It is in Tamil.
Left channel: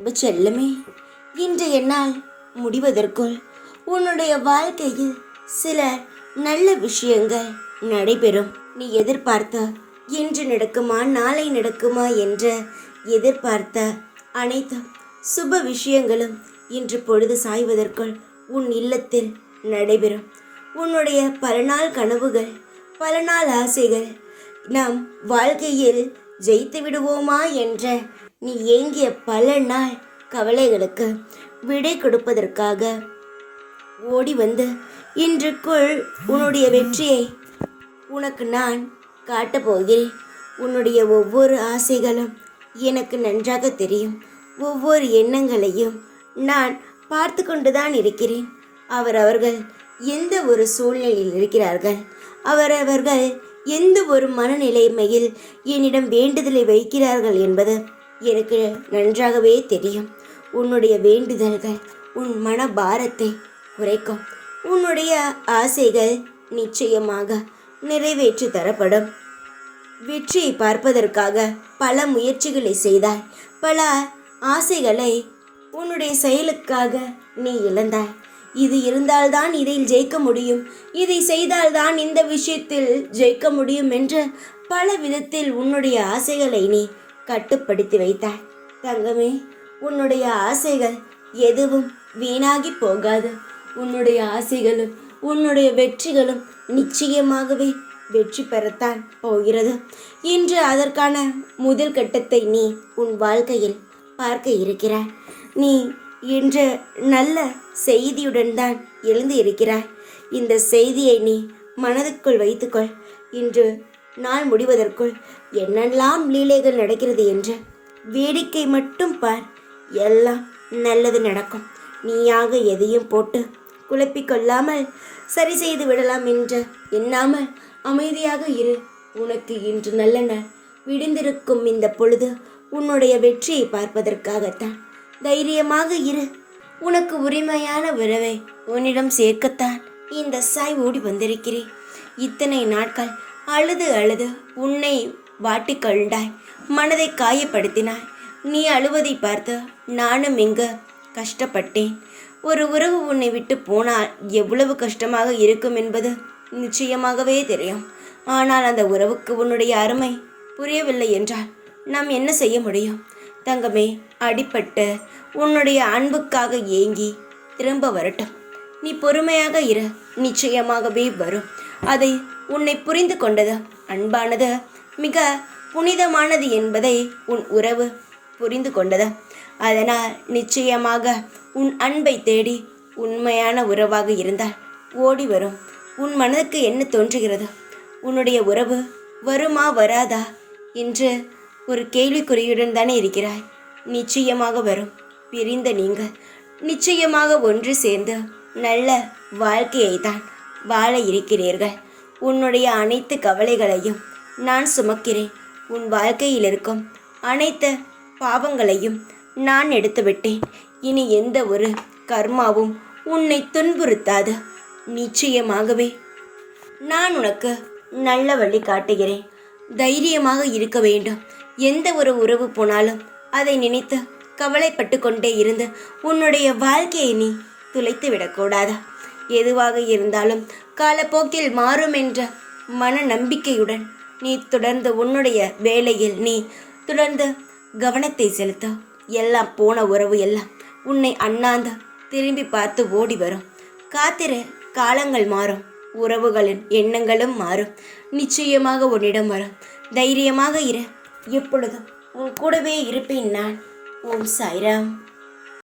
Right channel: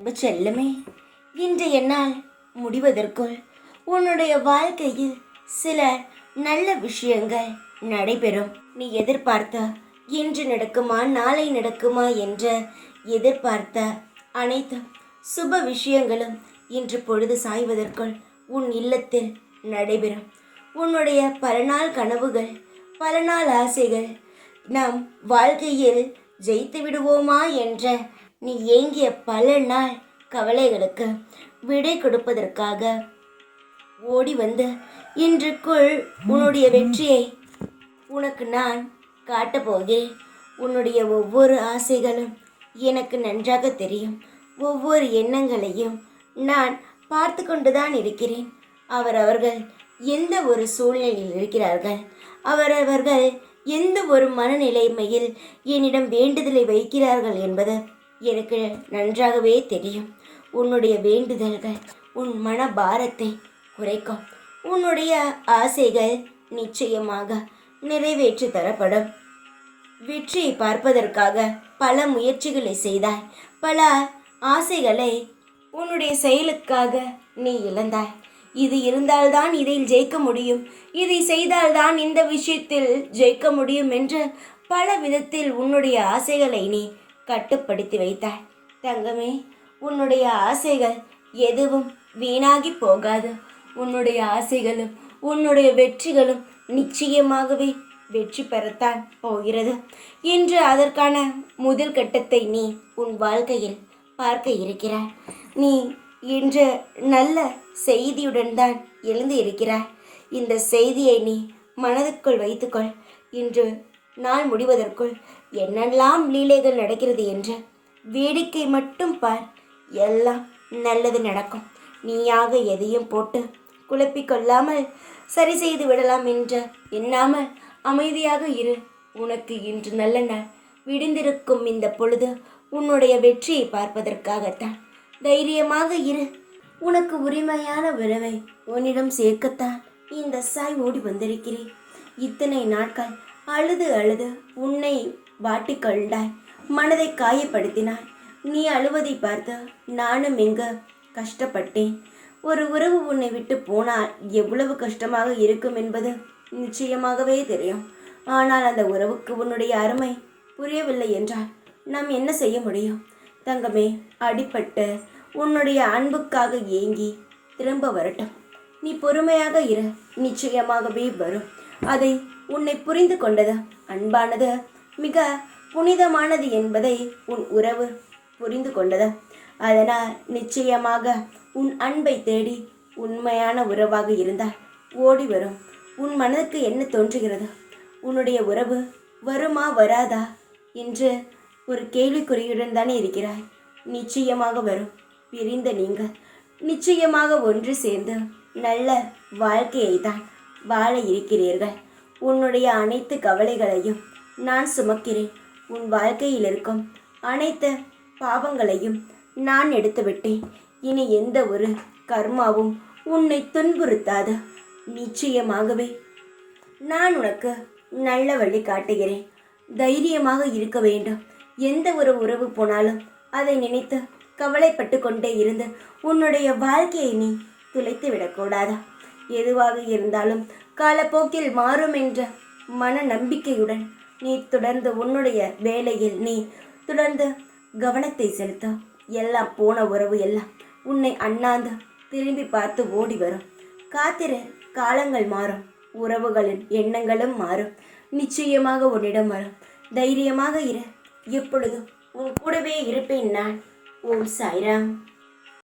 செல்லமே, இன்றைய நாள் முடிவதற்குள் உன்னுடைய வாழ்க்கையில் சில நல்ல விஷயங்கள் நடைபெறும். நீ எதிர்பார்த்த இன்று நடக்குமா நாளை நடக்குமா என்ற எதிர்பார்த்த அனைத்து சுப விஷயங்களும் இன்று பொழுது சாய்வதற்குள் உன் இல்லத்தில் நடைபெறும். உன்னுடைய பல நாள் கனவுகள், பல நாள் ஆசைகள், நாம் வாழ்க்கையில் ஜெயித்து விடுவோமா என்ற நீ ஏங்கிய பல நாள் கவலைகளுக்கு விடை கொடுப்பதற்காக ஓடி வந்து இன்றுக்குள் உன்னுடைய வெற்றியை உனக்கு நான் காட்டப்போகிறேன். உன்னுடைய ஒவ்வொரு ஆசைகளும் எனக்கு நன்றாக தெரியும். ஒவ்வொரு எண்ணங்களையும் நான் பார்த்து கொண்டுதான் இருக்கிறேன். அவர்கள் எந்த ஒரு சூழ்நிலையில் இருக்கிறார்கள், அவர்கள் எந்த ஒரு மனநிலைமையில் என்னிடம் வேண்டுதலை வைக்கிறார்கள் என்பது எனக்கு நன்றாகவே தெரியும். உன்னுடைய வேண்டுதல்கள் உன் மன பாரத்தை குறைக்கும். உன்னுடைய ஆசைகள் நிச்சயமாக நிறைவேற்றி தரப்படும். வெற்றியை பார்ப்பதற்காக பல முயற்சிகளை செய்தாய். பல ஆசைகளை உன்னுடைய செயலுக்காக நீ இழந்தாய். இது இருந்தால்தான் இதில் ஜெயிக்க முடியும், இதை செய்தால்தான் இந்த விஷயத்தில் ஜெயிக்க முடியும் என்று பல விதத்தில் உன்னுடைய ஆசைகளை நீ கட்டுப்படுத்தி வைத்தாய். தங்கமே, உன்னுடைய ஆசைகள் எதுவும் வீணாகி போகாது. உன்னுடைய ஆசைகளும் உன்னுடைய வெற்றிகளும் நிச்சயமாகவே வெற்றி பெறத்தான் போகிறது. இன்று அதற்கான முதல் கட்டத்தை நீ உன் வாழ்க்கையில் பார்க்க இருக்கிறாய். நீ இன்று நல்ல செய்தியுடன் தான் எழுந்து இருக்கிறாய். இந்த செய்தியை நீ மனதுக்குள் வைத்துக்கொள். இன்று நாள் முடிவதற்குள் என்னெல்லாம் லீலைகள் நடக்கிறது என்று வேடிக்கை மட்டும் பார். எல்லாம் நல்லது நடக்கும். நீயாக எதையும் போட்டு குழப்பிக்கொள்ளாமல் சரி செய்து விடலாம் என்று எண்ணாமல் அமைதியாக இரு. உனக்கு இன்று நல்ல நாள். விடிந்திருக்கும் இந்த பொழுது உன்னுடைய வெற்றியை பார்ப்பதற்காகத்தான். தைரியமாக இரு. உனக்கு உரிமையான உறவை உன்னிடம் சேர்க்கத்தான் இந்த சாய் ஓடி வந்திருக்கிறேன். இத்தனை நாட்கள் அழுது அழுது உன்னை வாட்டிக்கொண்டாய், மனதை காயப்படுத்தினாய். நீ அழுவதை பார்த்து நானும் இங்கு கஷ்டப்பட்டேன். ஒரு உறவு உன்னை விட்டு போனால் எவ்வளவு கஷ்டமாக இருக்கும் என்பது நிச்சயமாகவே தெரியும். ஆனால் அந்த உறவுக்கு உன்னுடைய அருமை புரியவில்லை என்றால் நாம் என்ன செய்ய முடியும்? தங்கமே, அடிபட்டு உன்னுடைய அன்புக்காக ஏங்கி திரும்ப வரட்டும். நீ பொறுமையாக இரு. நிச்சயமாகவே வரும். அதை உன்னை புரிந்து கொண்டது. அன்பானது மிக புனிதமானது என்பதை உன் உறவு புரிந்து கொண்டது. அதனால் நிச்சயமாக உன் அன்பை தேடி உண்மையான உறவாக இருந்தால் ஓடி வரும். உன் மனதுக்கு என்ன தோன்றுகிறது? உன்னுடைய உறவு வருமா வராதா என்று ஒரு கேள்விக்குறியுடன் தானே இருக்கிறாய். நிச்சயமாக வரும். பிரிந்த நீங்கள் நிச்சயமாக ஒன்று சேர்ந்து நல்ல வாழ்க்கையை தான் வாழ இருக்கிறீர்கள். உன்னுடைய அனைத்து கவலைகளையும் நான் சுமக்கிறேன். உன் வாழ்க்கையில் இருக்கும் அனைத்து பாவங்களையும் நான் எடுத்துவிட்டேன். இனி எந்த ஒரு கர்மாவும் உன்னை துன்புறுத்தாது. நிச்சயமாகவே நான் உனக்கு நல்ல வழி காட்டுகிறேன். தைரியமாக இருக்க வேண்டும். எந்த ஒரு உறவு போனாலும் அதை நினைத்து கவலைப்பட்டு கொண்டே இருந்து உன்னுடைய வாழ்க்கையை நீ துளைத்து விடக்கூடாது. எதுவாக இருந்தாலும் காலப்போக்கில் மாறும் என்ற மன நம்பிக்கையுடன் நீ தொடர்ந்து உன்னுடைய வேலையில் நீ தொடர்ந்து கவனத்தை செலுத்த. எல்லாம் போன உறவு எல்லாம் உன்னை அண்ணாந்து திரும்பி பார்த்து ஓடி வரும். காத்திரு, காலங்கள் மாறும், உறவுகளின் எண்ணங்களும் மாறும். நிச்சயமாக உன்னிடம் வரும். தைரியமாக இரு. எப்பொழுதும் உன் கூடவே இருப்பேன் நான். ஓம் சாய்ராம்.